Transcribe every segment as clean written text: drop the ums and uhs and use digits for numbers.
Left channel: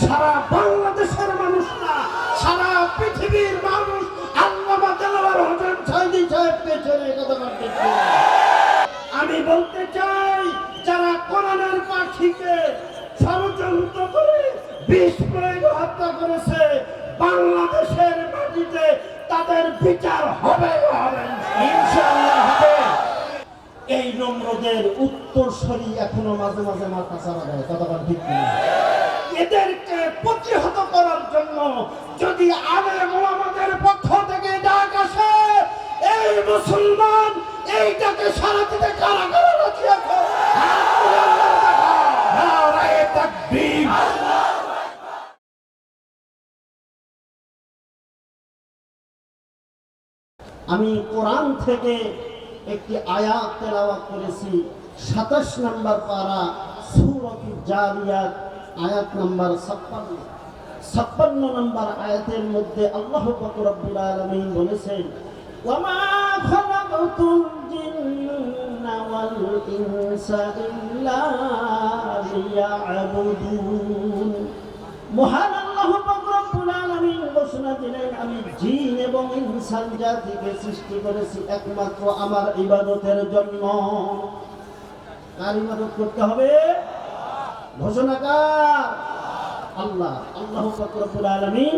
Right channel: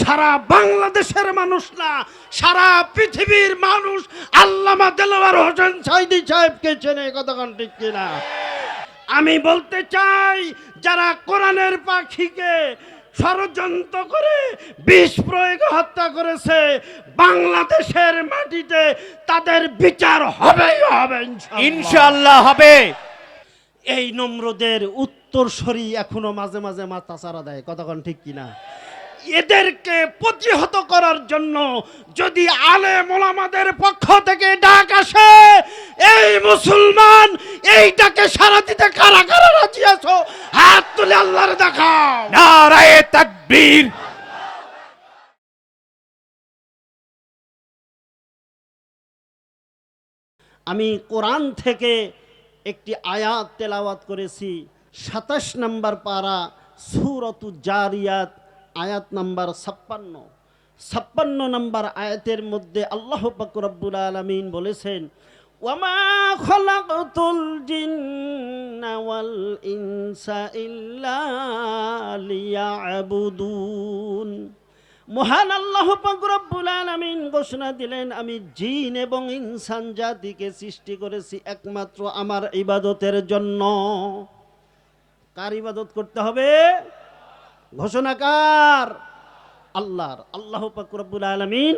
সারা বাংলাদেশের মানুষ না, সারা পৃথিবীর মানুষ আল্লামা দেলোয়ার হোসেন সাঈদী সাহেবকে চেনে। কতক্ষণ ঠিক কিনা? আমি বলতে চাই, যারা কোরআনের পাখিকে ষড়যন্ত্র করে বিষ প্রয়োগে হত্যা করেছে, বাংলাদেশের মাটিতে তাদের বিচার হবেই হবে, ইনশাআল্লাহ হবে। এই নম্রদের উত্তরসূরি এখনো মাঝে মাঝে মাথা চাড়া দেয়। কতক্ষণ ঠিক কিনা? এদেরকে প্রতিহত করার জন্য যদি আলেম ওলামাদের পক্ষ থেকে ডাক আসে, এই মুসলমান এইটাকে সারা দিতে কারা কারা রাজি আছো? হাত তুলে আল্লাহর দেখাও। নারায়ে তাকবীর। আমি কোরআন থেকে একটি আয়াত তেলাওয়াত করেছি, ২৭ নম্বর পারা সূরাতুল জারিয়াত, আয়াত নাম্বার ৫৬ নম্বর আয়াতের মধ্যে আল্লাহ পাক রব্বুল আলামিন বলেছেন, ওয়ামা খালাকতুল জিন্না ওয়াল ইনসা ইল্লা লিয়াবুদুন। মহান আল্লাহ পাক রব্বুল আলামিন ঘোষণা দিলেন, আমি জিন এবং ইনসান জাতিকে সৃষ্টি করেছি একমাত্র আমার ইবাদতের জন্য। কার ইবাদত করতে হবে? ঘোষণাকার আল্লাহ। আল্লাহ পাক রব্বুল আলামিন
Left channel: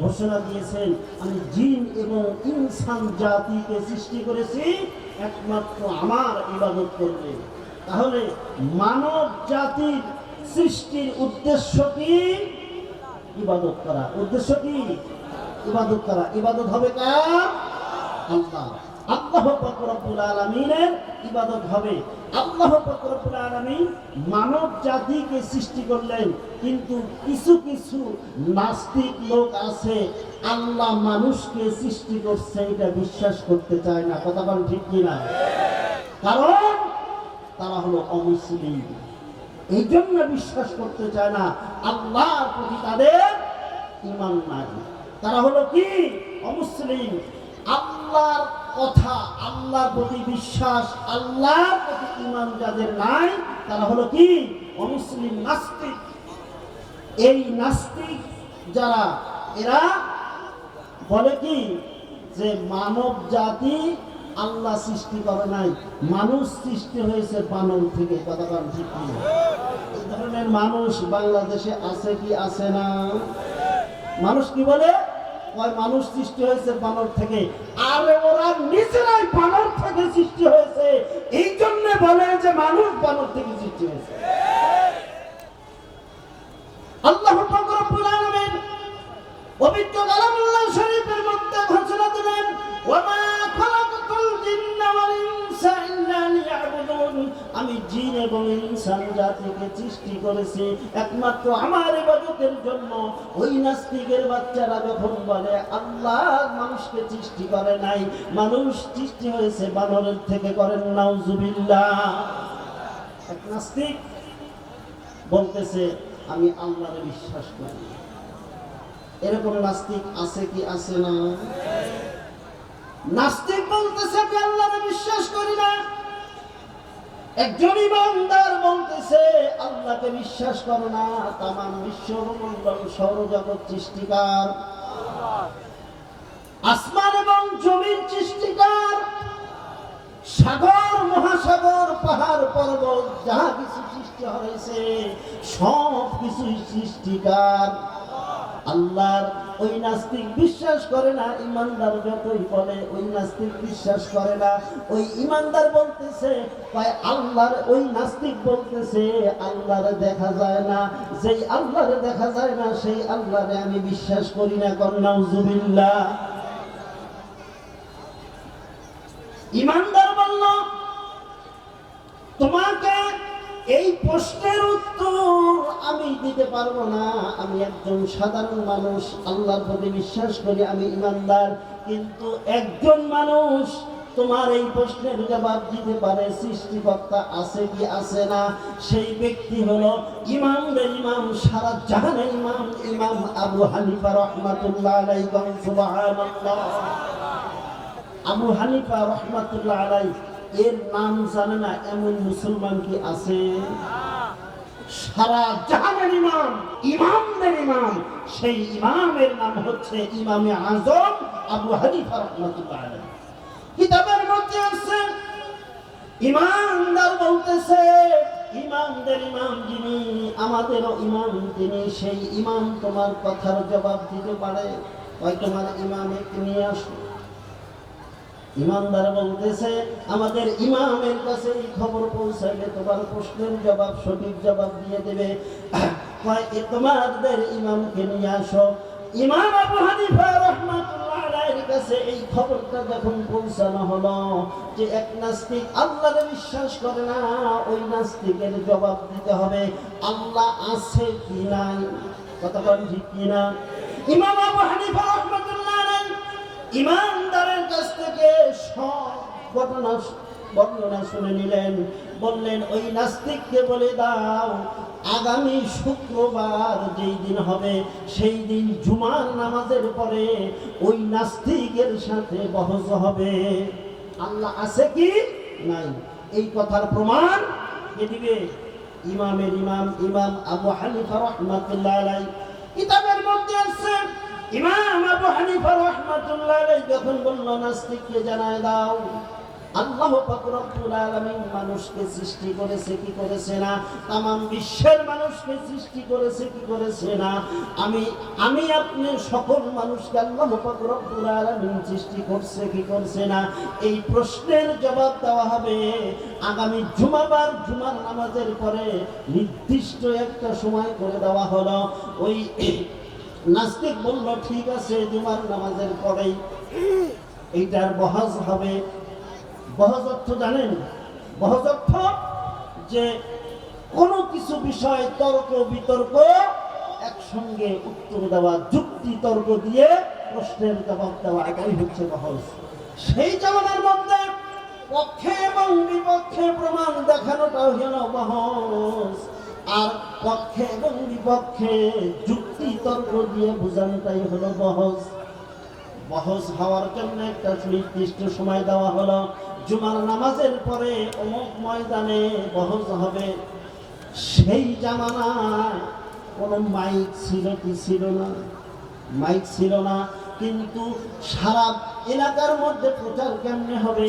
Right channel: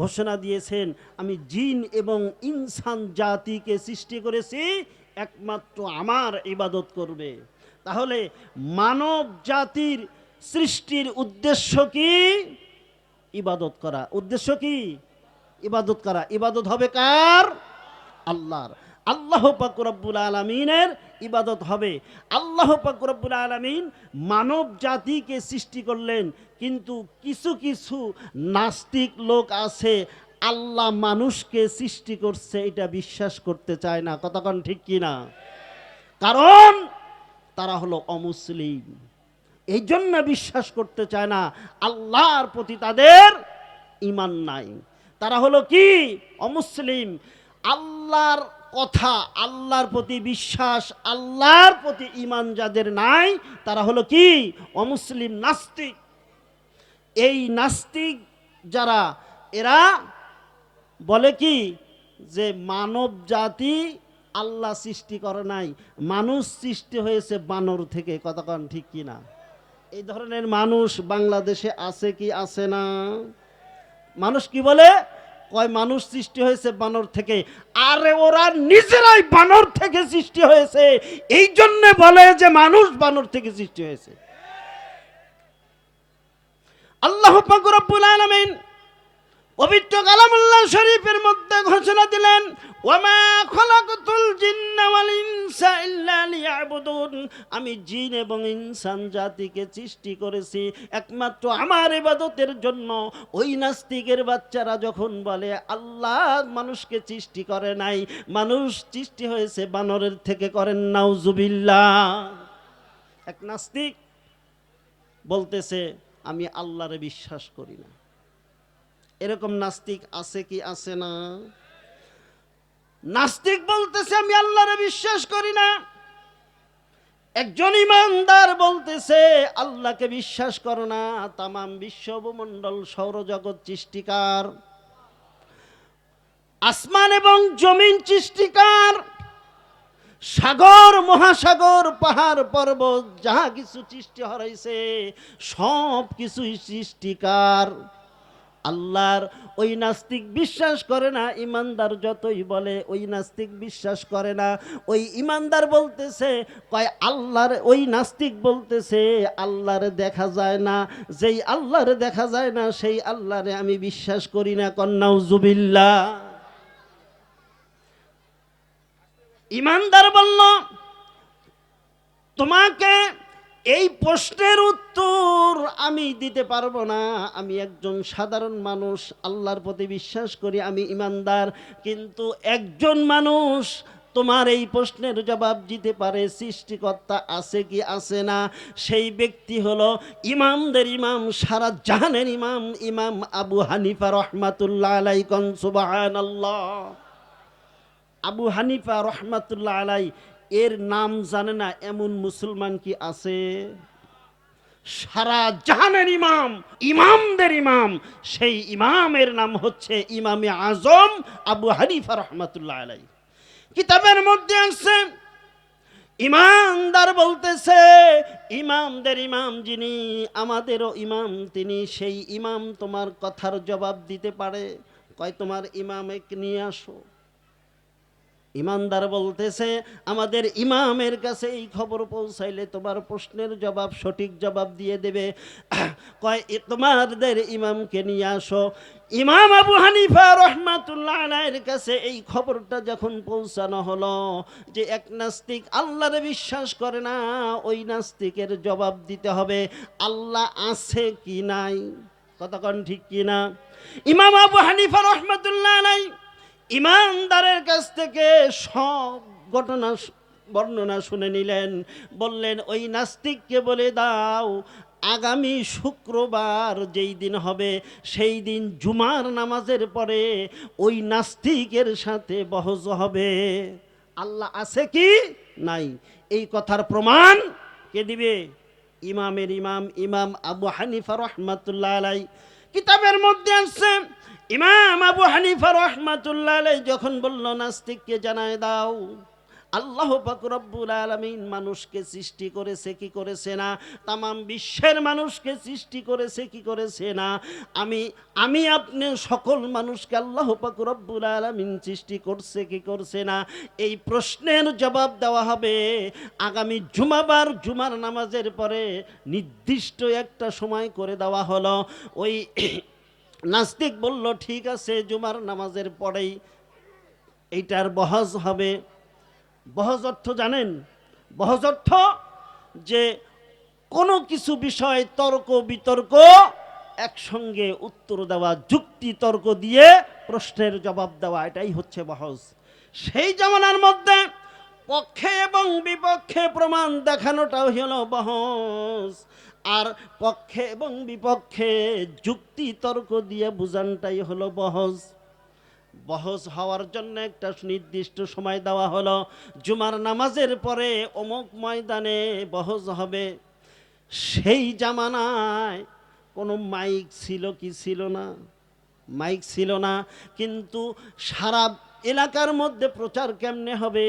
ঘোষণা দিয়েছেন, আমি জিন এবং ইনসান জাতিকে সৃষ্টি করেছি একমাত্র আমার ইবাদত করবে। তাহলে মানব জাতির সৃষ্টির উদ্দেশ্য কি? ইবাদত করা। উদ্দেশ্য কি? ইবাদত করা। ইবাদত হবে কার? আল্লাহ। আল্লাহ পাক রব্বুল আলামিনের ইবাদত হবে। আল্লাহ পাক রব্বুল আলামিন মানব জাতিকে সৃষ্টি করলেন, কিন্তু কিছু কিছু নাস্তিক লোক আছে আল্লাহ মানুষকে সৃষ্টি করছে এটা বিশ্বাস করতে চায় না। কতক্ষণ ঠিক কিনা? কারণ তারা হলো অমুসলিম, এই জন্য বিশ্বাস করতে চায় না। আল্লাহর প্রতি তাদের ঈমান নাই। তারা হলো কি? অমুসলিম। আল্লাহর কথা, আল্লাহর প্রতি বিশ্বাস, আল্লাহর প্রতি ঈমান যাদের নাই তারা হলো কি? অমুসলিম, নাস্তিক। এই নাস্তিক যারা, এরা বলে কি যে মানব জাতি আল্লাহ সৃষ্টি করে নাই, মানুষ সৃষ্টি হয়েছে বানর থেকে। কতক্ষণ ঠিক কিনা? এই ধরনের মানুষ বাংলাদেশে আছে কি আছে না? মানুষ কি বলে? কয় মানুষ সৃষ্টি হয়েছে বানর থেকে। আরে ওরা নিজেরাই বানর থেকে সৃষ্টি হয়েছে, এই জন্য বলে যে মানুষ বানর থেকে সৃষ্টি হয়েছে। আল্লাহ পাক রব্বুল আলামিন পবিত্র কালামুল্লাহ শরীফের মধ্যে ঘোষণা দিলেন, ওয়ামা খালাকতুল জিন্না ওয়াল ইনসা ইল্লা লিয়াবুদুন। আমি জিন এবং ইনসান জাতিকে সৃষ্টি করেছি একমাত্র আমার ইবাদতের জন্য। ওই নাস্তিকের বাচ্চারা যখন বলে আল্লাহ মানুষকে সৃষ্টি করে নাই, মানুষ সৃষ্টি হয়েছে বানরের থেকে, করেন নাউজুবিল্লাহ। এক নাস্তিক বলতেছে আমি আল্লাহরে বিশ্বাস করি। এরকম নাস্তিক আছে কি আছে না? নাস্তিক বলতেছে আমি আল্লাহরে বিশ্বাস করি না। একজন ইমানদার বলতেছে আল্লাহকে বিশ্বাস করো না। তামাম বিশ্বমণ্ডল সৌরজগৎ সৃষ্টিকার, আসমান এবং জমিন সৃষ্টিকার, সাগর মহাসাগর পাহাড় পর্বত যা কিছু সৃষ্টি হয়েছে সব কিছুই সৃষ্টিকার আল্লাহর। ওই নাস্তিক বিশ্বাস করে না। ইমানদার যতই বলে ওই নাস্তিক বিশ্বাস করে না। ওই ইমানদার বলতেছে কয় আল্লাহর, ওই নাস্তিক বলতেছে আল্লাহরে দেখা যায় না। যেই আল্লাহরে দেখা যায় না সেই আল্লাহরে আমি বিশ্বাস করি না। নাউজুবিল্লাহ। ইমানদার বলল তোমাকে এই প্রশ্নের উত্তর আমি দিতে পারবো না। আমি একজন সাধারণ মানুষ, আল্লাহর প্রতি বিশ্বাস করি, আমি ইমানদার। কিন্তু একজন মানুষ তোমার এই প্রশ্নের জবাব দিতে পারে সৃষ্টিকর্তা আছে কি আছে না। সেই ব্যক্তি হলো ইমামদের ইমাম, সারা জাহানের ইমাম, ইমাম আবু হানিফা রহমাতুল্লাহ আলাইহি। সুবহানাল্লাহ। আবু হানিফা রহমাতুল্লাহ আলাইহি এর নাম জানে না এমন মুসলমান কি আছে? সারা জাহানের ইমাম, ইমামদের ইমাম, সেই ইমামের নাম হচ্ছে ইমামে আজম আবু হানিফা রাহমাতুল্লাহ আলাইহি। কিতাবের মধ্যে আছে, ইমানদার বলতেছে, ইমামদের ইমাম যিনি, আমাদেরও ইমাম তিনি, সেই ইমাম তোমার কথার জবাব দিতে পারে, তাই তোমার ইমামকে নিয়ে আসো। ইমানদার বলতেছে, আমাদের ইমামের কাছে এই খবর পৌঁছাইলে তোমার প্রশ্নের জবাব, সঠিক জবাব দিয়ে দেবে, কয় তোমাদের ইমামকে নিয়ে আসো। ইমাম আবু হানিফা রাহমাতুল্লাহ আলাইহির কাছে এই খবরটা যখন পৌঁছানো হলো যে এক নাস্তিক আল্লাহরে বিশ্বাস করে না, ওই নাস্তিকের জবাব দিতে হবে আল্লাহ আছে কি নাই, কতক্ষণ ঠিক কি না। ইমাম আবু হানিফা রাহমাতুল্লাহ আলাইহি ইমানদারের কাছ থেকে সব ঘটনা বর্ণনা শুনে নিলেন, বললেন ওই নাস্তিককে বলে দাও আগামী শুক্রবার যেই দিন হবে সেই দিন জুমার নামাজের পরে ওই নাস্তিকের সাথে বহস হবে। আল্লাহ আছে কি নাই এই কথার প্রমাণ কে দিবে? ইমামের ইমাম ইমাম আবু হানিফা রাহমাতুল্লাহ আলাইহি। কিতাবের মধ্যে আছে, ইমাম আবু হানিফা রাহমাতুল্লাহ আলাইহি যখন বলল নাস্তিককে জানায় দাও আল্লাহ পাক রব্বুল আলামিন মানুষকে সৃষ্টি করেছে কি করেছে না, তামাম বিশ্বের মানুষকে সৃষ্টি করেছে কি করেছে না, আমি আপনি সকল মানুষকে আল্লাহ পাক রব্বুল আলামিন সৃষ্টি করছে কি করছে না, এই প্রশ্নের জবাব দেওয়া হবে আগামী জুমাবার জুমার নামাজের পরে। নির্দিষ্ট একটা সময় করে দেওয়া হলো। ওই নাস্তিক বলল ঠিক আছে জুমার নামাজের পরেই এইটার বহস হবে। বহস অর্থ জানেন? বহস অর্থ যে কোনো কিছু বিষয় তর্ক বিতর্ক একসঙ্গে উত্তর দেওয়া, যুক্তি তর্ক দিয়ে প্রশ্নের জবাব দেওয়া, এটাই হচ্ছে বহস। সেই জামানার মধ্যে পক্ষে এবং বিপক্ষে প্রমাণ দেখানোটাও হলো বহস, আর পক্ষে এবং বিপক্ষে যুক্তি তর্ক দিয়ে বোঝানোটাই হলো বহস। বহস হওয়ার জন্য একটা নির্দিষ্ট সময় দেওয়া হলো, জুমার নামাজের পরে অমুক ময়দানে বহস হবে। সেই জামানায় কোনো মাইক ছিল কি ছিল না? মাইক ছিল না, কিন্তু সারা এলাকার মধ্যে প্রচার কেমনে হবে?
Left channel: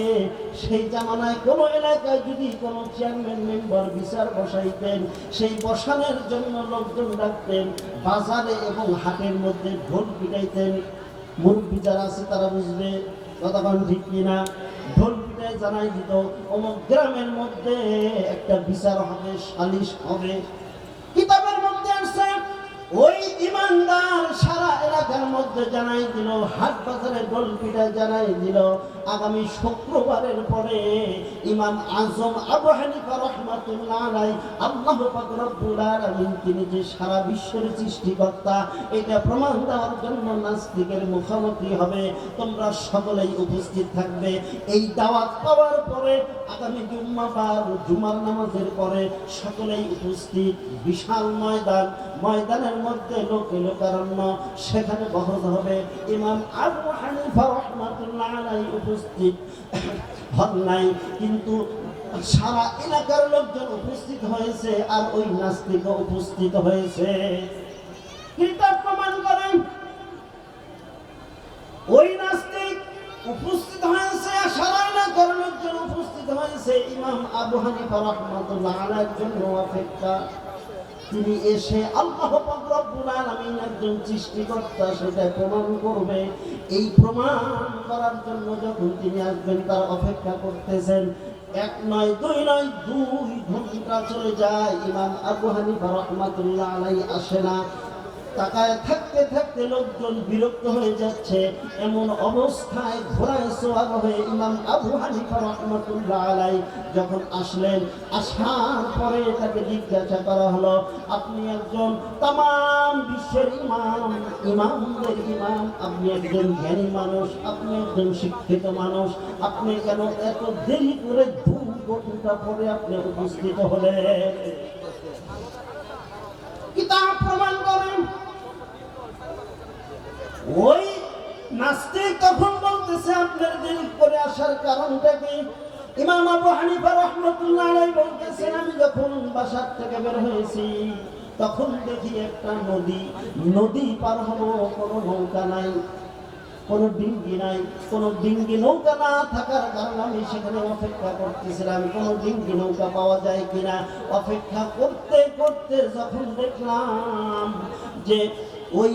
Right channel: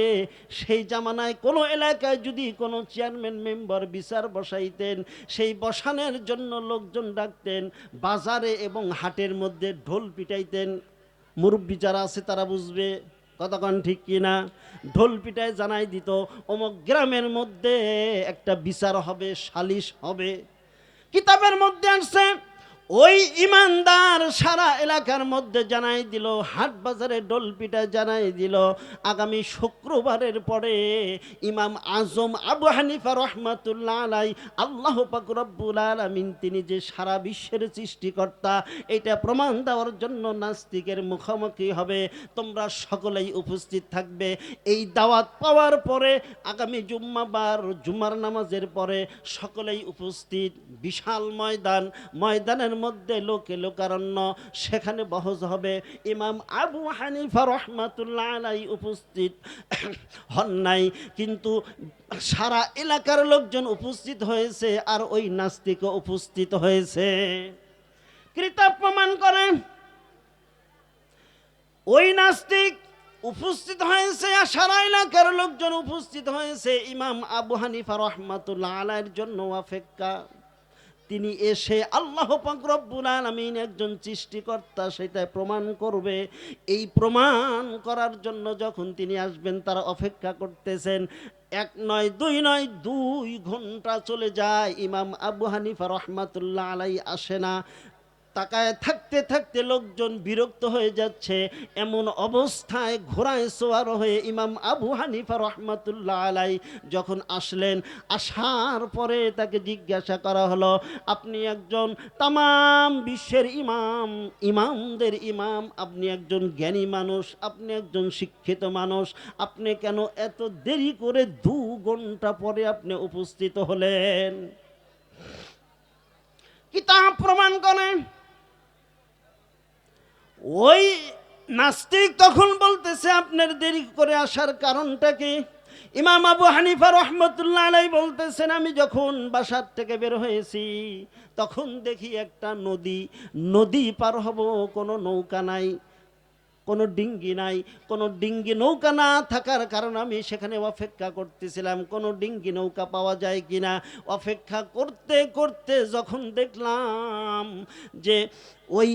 সেই জামানায় কোনো এলাকায় যদি কোনো চেয়ারম্যান মেম্বার বিচার বসাইতেন, সেই বসানোর জন্য লোকজন ডাকতেন, বাজারে এবং হাটের মধ্যে ঢোল পিটাইতেন। মুরব্বী যারা আছে তারা বুঝবে, কতক্ষণ ঠিক কিনা। ঢোল পিটায় জানাই দিত অমুক গ্রামের মধ্যে একটা বিচার হবে, সালিশ হবে। কিতাবের মধ্যে আছে ওই ইমানদার সারা এলাকার মধ্যে জানাই দিল, হাট বাজারে ঢোল পিটায় জানাই দিল আগামী শুক্রবারের পরে ইমাম আজম আবু হানিফা রাহমাতুল্লাহ আলাইহি, আল্লাহ পাক রব্বুল আলামিন তিনি যে সারা বিশ্বের সৃষ্টিকর্তা, এটা প্রমাণ দেওয়ার জন্য নাস্তিকের মুখোমুখি হবে। তোমরা সকলেই উপস্থিত থাকবে। এই দাওয়াত পাওয়ার পরে আগামী জুম্মাবার জুমার নামাজের পরে সকলেই উপস্থিত। বিশাল ময়দান, ময়দানের মধ্যে লোকে লোকারণ্য, সেখানে বহস হবে। ইমাম আবু হানিফা রাহমাতুল্লাহ আলাইহি উপস্থিত হন নাই, কিন্তু সারা এলাকার লোকজন উপস্থিত হয়েছে, আর ওই নাস্তিক উপস্থিত হয়েছে। কিতাব প্রমাণ করেন ওই নাস্তিক উপস্থিত হয়েছে, আর সারা এলাকার লোকজন উপস্থিত হয়েছে। ইমাম আবু হানিফা রাহমাতুল্লাহ আলাইহির জন্য অপেক্ষা। তিনি এসে আল্লাহ পাক রব্বুল আলামিন একজন সৃষ্টিকর্তা সেটা প্রমাণ করবে। এই প্রমাণ করার জন্য যখন তিনি আসবেন তারা অপেক্ষা করতেছেন। এক নয় দুই নয়, 2 ঘন্টা চলে যায়, ইমাম আবু হানিফা রাহমাতুল্লাহ আলাইহি আসে না। তাকায় থাকতে থাকতে লোকজন বিরক্ত হয়ে যাচ্ছে। এমন অবস্থায় ঘোড়ায় সওয়ার হয়ে ইমাম আবু হানিফা রাহমাতুল্লাহ আলাইহি যখন আসলেন, আসার পরে তাকে জিজ্ঞাসা করা হলো, আপনি একজন তামাম বিশ্বের ইমাম, ইমামদের ইমাম, আপনি একজন জ্ঞানী মানুষ, আপনি একজন শিক্ষিত মানুষ, আপনি কেন এত দেরি করে 2 ঘন্টা পরে আপনি উপস্থিত হলেন? কিতাব প্রমাণ করেন। ওই নাস্তিক তখন বলতেছে আপনার দেরি করে আসার কারণটা কি? ইমাম আবু হানিফা রাহমাতুল্লাহ আলাইহি বলতেছেন, আমি যখন বাসার থেকে বের হয়েছি তখন দেখি একটা নদী পার হবো, কোনো নৌকা নাই, কোনো ডিঙ্গি নাই। কোনো ডিঙ্গি নৌকা না থাকার কারণে আমি সেখানে অপেক্ষা করতেছিলাম কোনো ডিঙ্গি নৌকা পাওয়া যায় কিনা। অপেক্ষা করতে করতে যখন দেখলাম যে ওই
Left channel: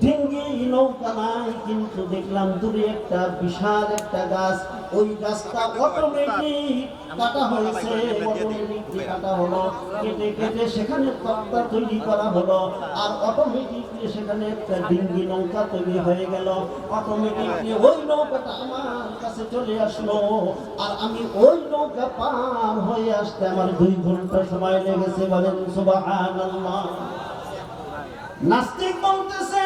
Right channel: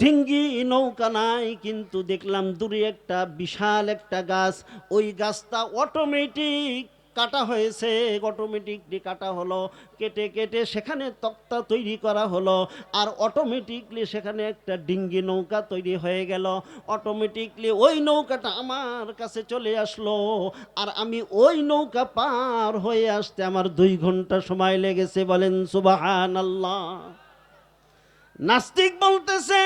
ডিঙ্গি নৌকা নাই, কিন্তু দেখলাম দূরে একটা বিশাল একটা গাছ, ওই গাছটা অটোমেটিক কাটা হয়েছে, অটোমেটিকলি কাটা হলো, কেটে কেটে সেখানে তক্তা তৈরি করা হলো, আর অটোমেটিকলি সেখানে একটা ডিঙ্গি নৌকা তৈরি হয়ে গেল। অটোমেটিকলি ওই নৌকাটা আমার কাছে চলে আসলো, আর আমি ওই নৌকা পার হয়ে আসতে আমার 2 ঘন্টা সময় লেগেছে। বলেন সুবহানাল্লাহ। নাস্তিক বলতেছে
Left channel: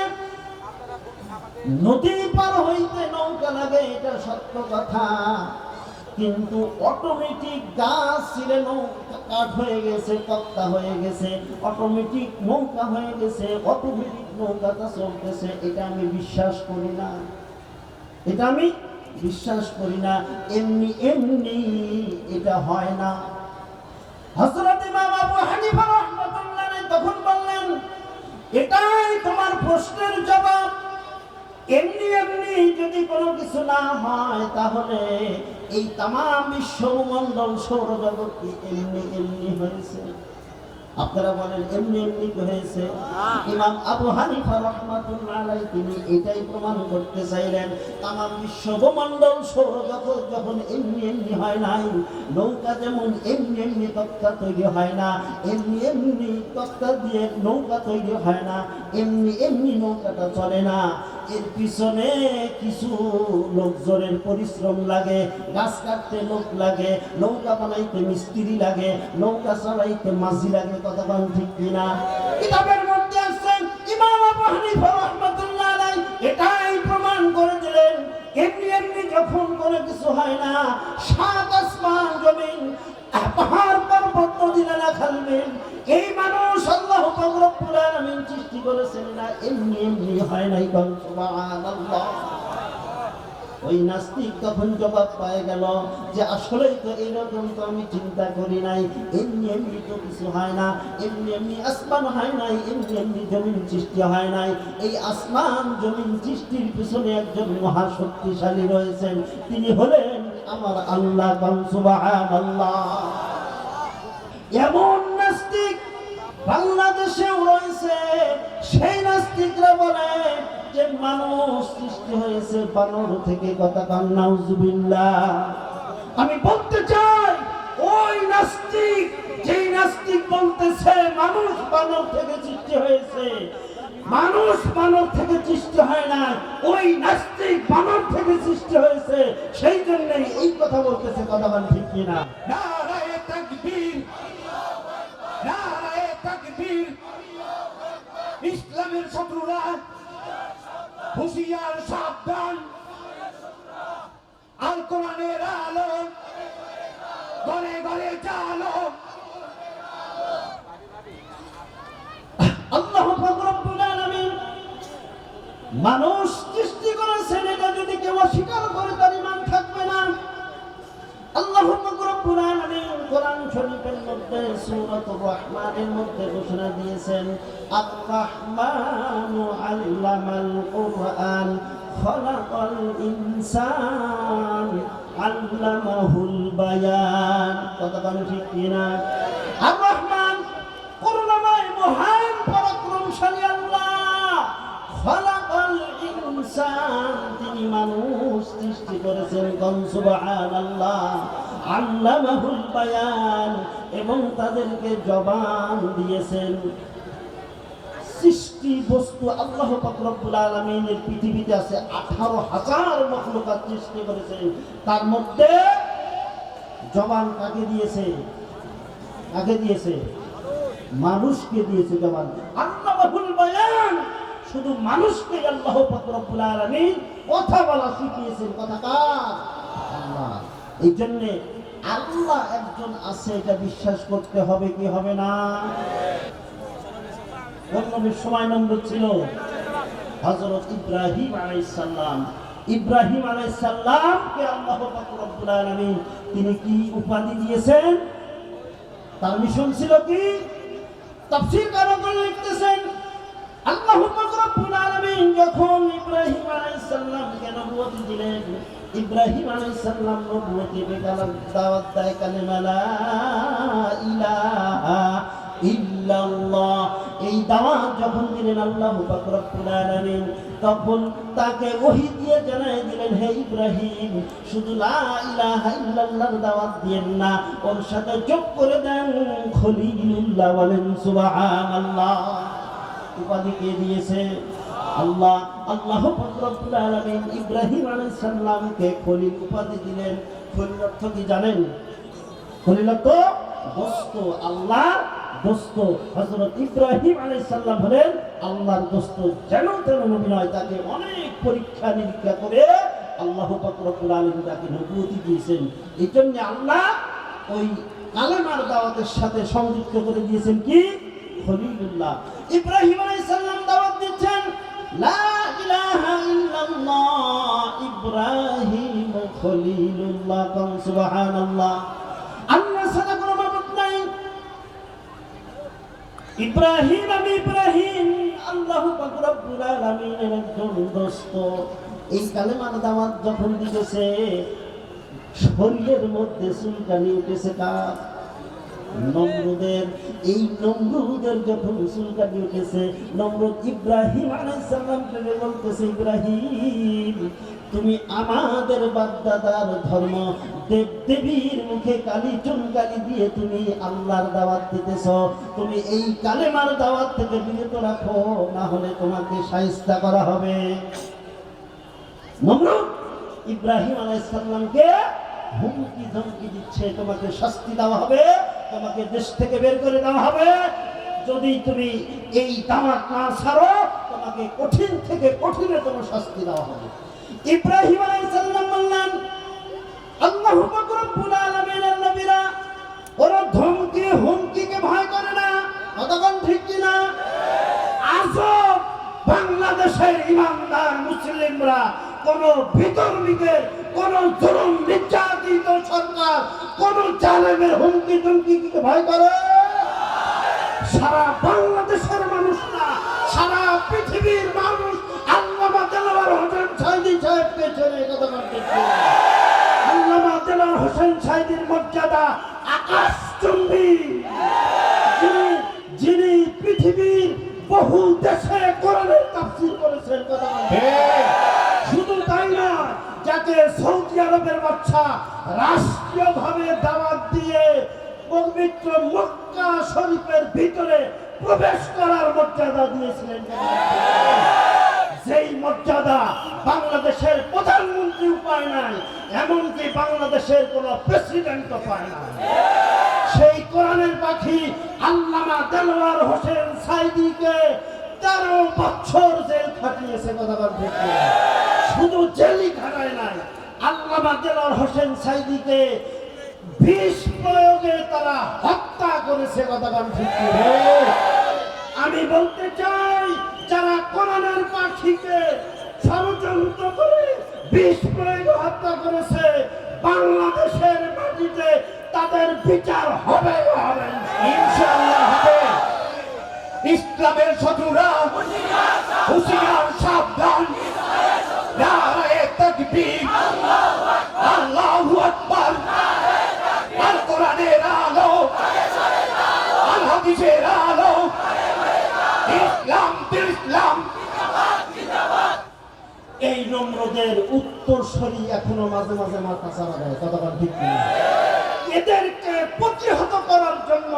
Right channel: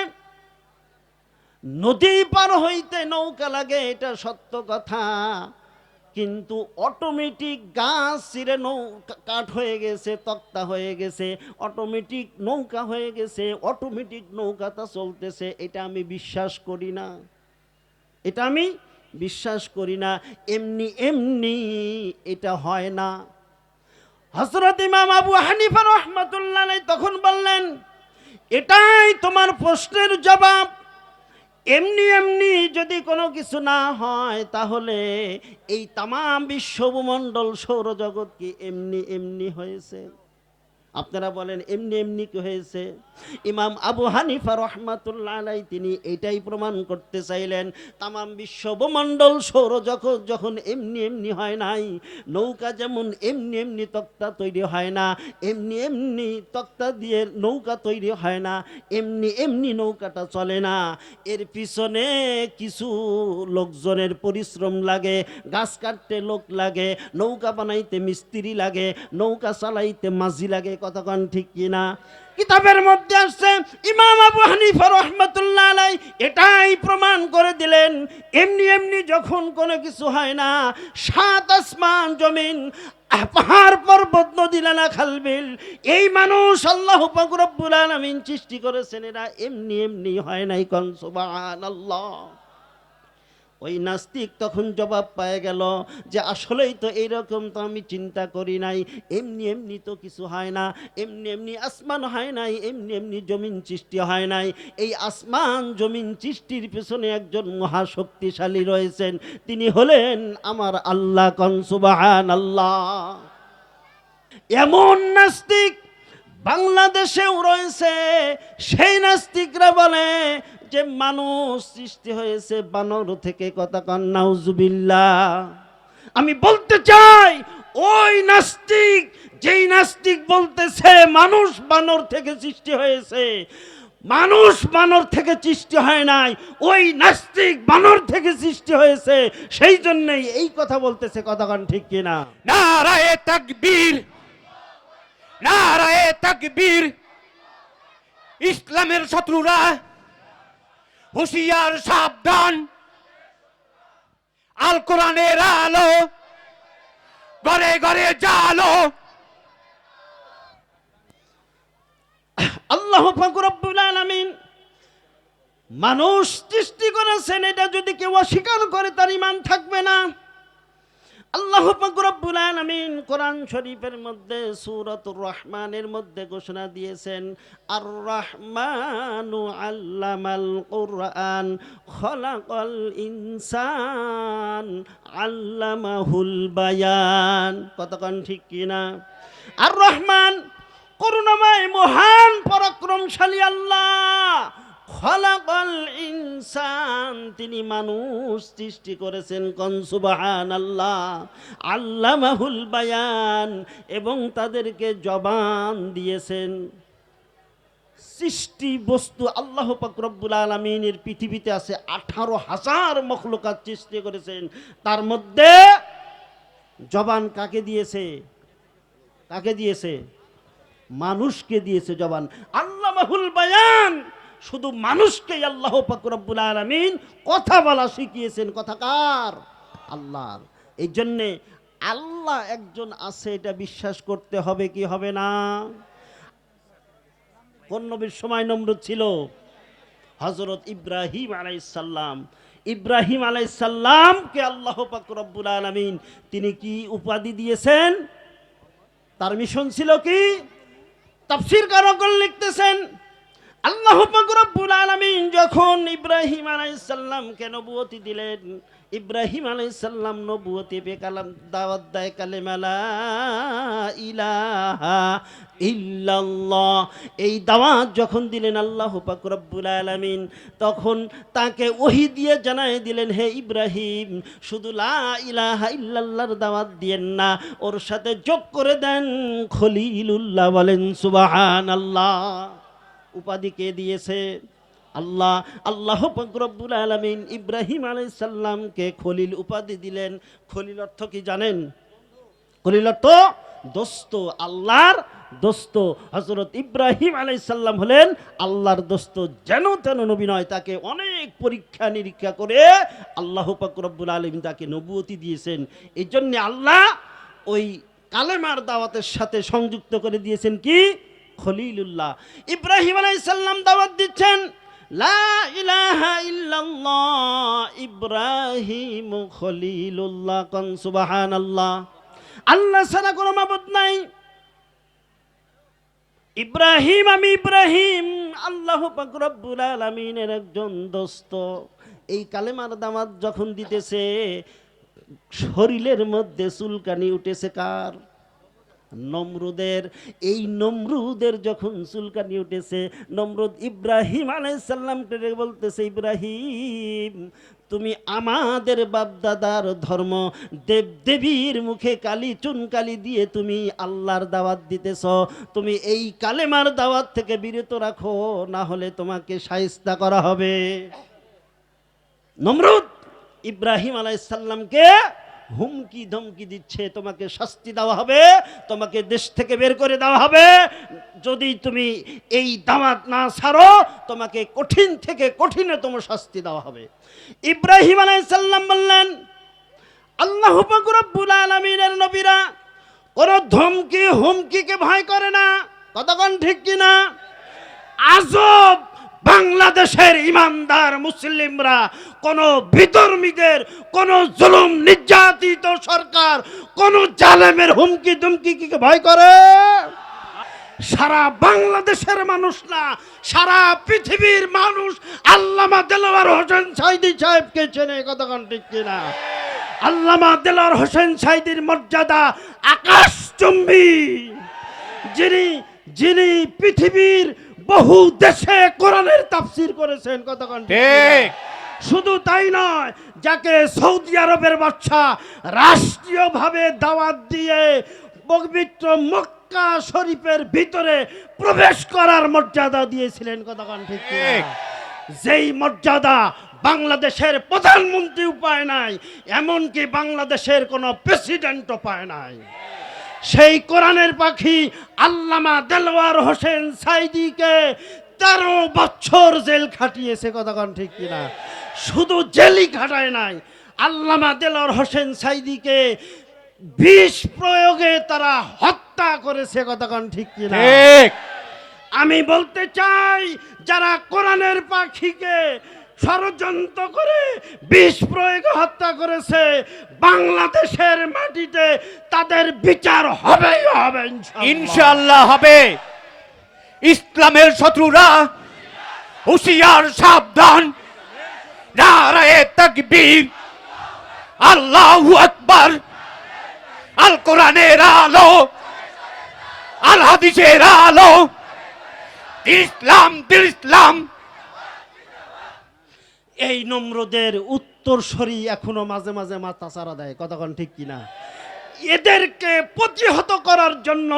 নদী পার হইতে নৌকা লাগে, এটা সত্য কথা, কিন্তু অটোমেটিক গাছ ছিঁড়ে নৌকা কাঠ হয়ে গেছে, তক্তা হয়ে গেছে, অটোমেটিক নৌকা হয়ে গেছে, অটোমেটিক নৌকাটা চলতেছে, এটা আমি বিশ্বাস করি না, এটা আমি বিশ্বাস করি না। এমনি এমনি এটা হয় না। হযরত ইমাম আবু হানিফা রাহমাতুল্লাহ আলাইহি তখন বললেন, এটাই তোমার প্রশ্নের জবাব। এমনি এমনি যদি কোনো কিছু না হয়, তাহলে এই তামাম বিশ্বমণ্ডল সৌরজগৎ কি এমনি এমনি হয়েছে? আপনারা বলেন এমনি এমনি হয়েছে? ইমাম আবু হানিফা রাহমাতুল্লাহ আলাইহি তিনি এটাই প্রমাণ করতে চাইলেন, তামাম বিশ্বমণ্ডল সৌরজগৎ যখন এমনি এমনি হয় নাই, নৌকা যেমন এমনি এমনি তক্তা তৈরি হয় না, এমনি এমনি তক্তা দিয়ে নৌকা তৈরি হয় না, এমনি এমনি নৌকাটা চলে না, এর পিছনে কিছু লোকজনের পরিশ্রম লাগে, গাছ কাটতে লোক লাগে, নৌকা বানাইতে মিস্ত্রি লাগে, নৌকা চালাইতে মাঝি লাগে। কতক্ষণ ঠিক কিনা? কিতাবের মধ্যে আছে ইমাম আবু হানিফা রাহমাতুল্লাহ আলাইহি এটাই প্রমাণ করে দিলেন, এমনি এমনি যখন কোনো কিছু হয় না, 7 আসমান জমিন পাহাড় পর্বত নদী নালা খালবিল এই মানুষ আল্লাহ পাক রব্বুল আলামিন সৃষ্টি করেছেন, এরা এমনি এমনি হয় নাই। কোন সুবহানাল্লাহ। ওই নাস্তিক তখন জবাব পেয়ে গেল যে আসলেই তো এইরকম তো আমি চিন্তা করি নাই, এমনি এমনি তো কিছু হয় না, এমনি এমনি আসমান হয় নাই, এমনি এমনি জমিন সৃষ্টি হয় নাই। এই আসমান জমিন সৃষ্টির পিছনে একজন মহাশক্তিশালী রয়েছেন, তিনি হলেন আমার আল্লাহ। কোন সুবহানাল্লাহ। এমন নাস্তিক বাংলাদেশেও রয়েছে, সেই নাস্তিকরা বলে যে মানুষ সৃষ্টি হয়েছে বানর থেকে। কথা কান নাউজুবিল্লাহ। আমি বলতে চাই ওই নাস্তিক, যেই নাস্তিক বলতেছে মানুষ বানর থেকে সৃষ্টি হয়েছে, মানুষ বানর থেকে সৃষ্টি হয় নাই, ওই নাস্তিক বানর থেকে সৃষ্টি হয়েছে, সেই জন্যই এই কথা বলতেছে। কথা কান ঠিক কিনা? নারায়ে তাকবীর, নারায়ে তাকবীর। ইসলামের শত্রুরা হুঁশিয়ার, সাবধান। আল কোরআনের আলো ঘরে ঘরে জালো। আল্লাহ পাক রব্বুল আলামিন মানুষ সৃষ্টি করেছেন, এটা যদি কেউ অস্বীকার করে তার ঈমান থাকবে না। আল্লাহ পাক রব্বুল আলামিন কোরআন শরীফের মধ্যে সূরাতুর রহমানের মধ্যে ঘোষণা দিয়েছেন, আর রহমানু আল্লামাল কুরআন খলাকাল ইনসান আল্লামাহুল বায়ান। কতক্ষণ ঠিক কিনা? আর রহমান করুণাময় মহান পরাক্রমশালী আল্লাহ, খলাকাল ইনসান তিনি মানুষ সৃষ্টি করেছেন। কোন সুবহানাল্লাহ। আল্লামাহুল বায়ান এবং তাদেরকে জবান দিয়েছেন। সৃষ্টি বস্তু আল্লাহ পাক রব্বুল আলামিনের পৃথিবীতে আছে 18,000 মাখলুকাত সৃষ্টি করেছেন, তার মধ্যে জবান কাকে দিয়েছে? কাকে দিয়েছে? মানুষকে দিয়েছে জবান। আল্লামাহুল বায়ান শুধু মানুষকেই আল্লাহ পাক রব্বুল আলামিন কথা বলা শিখিয়েছেন। কথা কার? আল্লাহ। এই জন্য আল্লাহ একজন আছে, এটা বিশ্বাস করতে হবে কি হবে না? কোন নবীর সময় নম্বর ছিল? হযরত ইব্রাহিম আলাইহিস সালাম। ইব্রাহিম আলাইহিস সালামকে আল্লাহ পাক রব্বুল আলামিন তিনি কি উপাধি দিয়েছেন? তার মিশন ছিল কি? তাফসীরকারগণ লিখতেছেন আল্লাহ পাক রব্বুল আলামিন যখন ইব্রাহিম আলাইহিস সালামকে নবুয়তি দিলেন, ইব্রাহিম আলাইহিস সালাম নবুয়তি বেকালাম দাওয়াত দেয় কালেমা লা ইলাহা ইল্লাল্লাহ। এই দাওয়াত যখন দিলেন আল্লাহ পাক রব্বুল আলামিন, তখন তাকে ওহী দিয়ে জানায় দিলেন, হে ইব্রাহিম, শুধু লা ইলাহা ইল্লাল্লাহর দাওয়াত দিয়েন না, ওর সাথে যোগ করে দেন খলিলুল্লাহ। বলেন সুবহানাল্লাহ। উপাধি কে দিয়েছে? আল্লাহ। আল্লাহ পাক রব্বুল আলামিন ইব্রাহিম আলাইহিস সালামকে খলিল উপাধি দিলেন। খলিল অর্থ কি জানেন? খলিল অর্থ দোস্ত, আল্লাহর দোস্ত। হযরত ইব্রাহিম আলাইহিস সালাম হলেন আল্লাহর দোস্ত। যেন তেন নবী নয়, তাকে অনেক পরীক্ষা নিরীক্ষা করে আল্লাহ পাক রব্বুল আলামিন তাকে নবুয়তি দিয়েছেন। এই জন্য আল্লাহ ওই কালেমার দাওয়াতের সাথে সংযুক্ত করে দিয়েছেন কি? খলিলুল্লাহ। ইব্রাহিম আলাইহিস সালাম দাওয়াত দিচ্ছেন লা ইলাহা ইল্লাল্লাহ, ইব্রাহিম খলিলুল্লাহ। কোন সুবহানাল্লাহ। আল্লাহ ছাড়া কোনো মাবুদ নাই। ইব্রাহিম, আমি ইব্রাহিম আল্লাহ পাক রব্বুল আলামিনের একজন দোস্ত। এই কালেমার দাওয়াত যখন দিতেছে, শরীরের মধ্যে চুলকানি উঠেছে কার? নমরুদের। এই নমরুদের যখন চুলকানি উঠেছে, নমরুদ ইব্রাহিম আলাইহিস সালামকে বলতেছে, ইব্রাহিম, তুমি আমাদের বাপদাদার ধর্ম দেব দেবীর মুখে কালি চুনকালি দিয়ে তুমি আল্লাহর দাওয়াত দিতেছ, তুমি এই কালেমার দাওয়াত থেকে বিরত রাখো, না হলে তোমাকে শায়েস্তা করা হবে। নমরুদ ইব্রাহিম আলাইহিস সালামকে হুমকি ধমকি দিচ্ছে, তোমাকে শাস্তি দেওয়া হবে, তোমাকে দেশ থেকে বের করে দেওয়া হবে, যদি তুমি এই দাওয়াত না ছাড়ো তোমাকে কঠিন থেকে কঠিনতম শাস্তি দেওয়া হবে। ইব্রাহিম আলাইহিস সালাম বললেন, আল্লাহ পাক রব্বুল আলামিনের নবীরা ওর ধমকি হুমকিকে ভয় করে না। কতক্ষণ ঠিক কিনা? আজব বাংলাদেশের ইমানদার মুসলিমরা কোন বিধর্মীদের, কোন জুলুম নির্যাতিত সরকার, কোন জালেমের হুমকি ধমকিকে ভয় করে? সারা বাংলাদেশের মানুষ না, সারা পৃথিবীর মানুষ আল্লামা দেলোয়ার হোসেন সাঈদী সাহেবকে চেনে। কতক্ষণ ঠিক কিনা? আল্লামা দেলোয়ার হোসেন সাঈদীর মর্যাদা আকাশচুম্বী। যিনি পৃথিবীর বহু দেশে কোরআনের তাফসীর করেছেন। কতক্ষণ ঠিক? শুধু তাই নয়, যাকে সৌদি আরবের বাদশা রাষ্ট্রীয়ভাবে দাওয়াত দিয়ে পবিত্র মক্কা শরীফের ভিতরে প্রবেশ করার মর্যাদা দিয়েছিলেন। যেই মর্যাদা বাংলাদেশের প্রধানমন্ত্রী পায় নাই, এমনকি বাংলাদেশের কোন প্রেসিডেন্টও পায় নাই। সেই কোরআনের পাখি আল্লামা দেলোয়ার হোসেন সাঈদীকে 13 বছর জেল খাটিয়েছে। কতক্ষণ ঠিক? শুধু জেলই খাটায় নাই, আল্লামা দেলোয়ার হোসেন সাঈদীকে বিষ প্রয়োগে তারা হত্যা করেছে। কতক্ষণ ঠিক? আমি বলতে চাই, যারা কোরআনের পাখিকে ষড়যন্ত্র করে বিষ প্রয়োগে হত্যা করেছে, বাংলাদেশের মাটিতে তাদের বিচার হবে হবে, ইনশাআল্লাহ হবে। ইসলামের শত্রুরা হুঁশিয়ার, সাবধান। নারায়ে তাকবীর, আল্লাহু আকবার। আল কোরআনের আলো, আল হাদিসের আলো, ইসলাম দিল ইসলাম। এই নমরুদের উত্তরসূরি এখনো মাঝে মাঝে মাথা চালা দেয়। কতক্ষণ ঠিক কিনা? এদেরকে প্রতিহত করার জন্য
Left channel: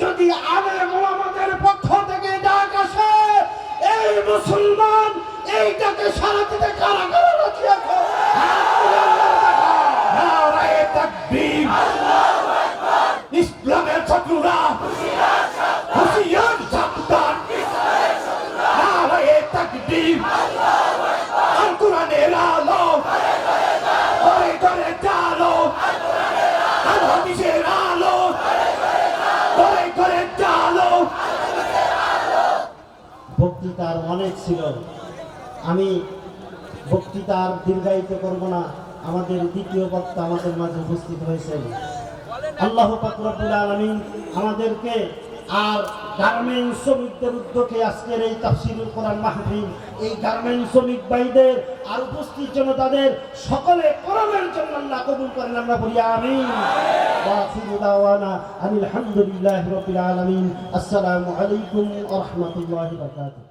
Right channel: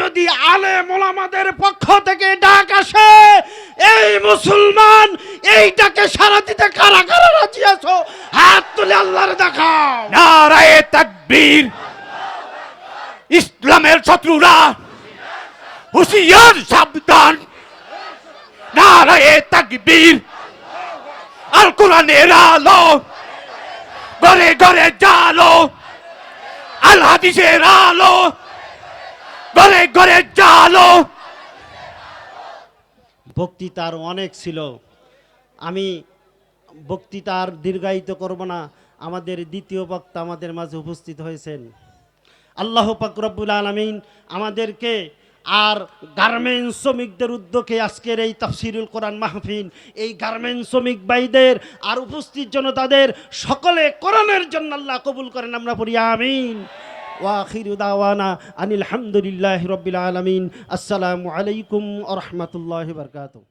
যদি আলেম ওলামাদের পক্ষ থেকে ডাক আসে, এই মুসলমান এইটাকে সারা দিতে কারা কারা রাজি আছো? হাত তুলে আল্লাহর দেখাও। নারায়ে তাকবীর। ইসলামের শত্রুরা হুঁশিয়ার, সাবধান। নারায়ে তাকবীর, আল কোরআনের আলো, ঘরে ঘরে জালো, আল হাদিসের আলো, ঘরে ঘরে জালো। বক্তৃতার অনেক ছিল, আমি বক্তৃতার দীর্ঘায়িত করব না। আমাদের দ্বিতীয় বক্তা আমাদের মাঝে উপস্থিত হয়েছেন। আল্লাহ পাক রব্বুল আলামিন আমাদেরকে আর গার্মেন্টস শ্রমিকদের উদ্যোগে আজকের এই তাফসীরুল কোরআন মাহফিল, এই গার্মেন্টস শ্রমিক ভাইদের আর উপস্থিত জনতাদের সকলে কোরআনের জন্য আল্লাহ কবুল করেন, আমরা বলি আমিন। ওয়া আখিরু দাওয়ানা আনিল হামদুলিল্লাহি রাব্বিল আলামিন। আসসালামু আলাইকুম ওয়া রাহমাতুল্লাহি ওয়া বারাকাতুহু।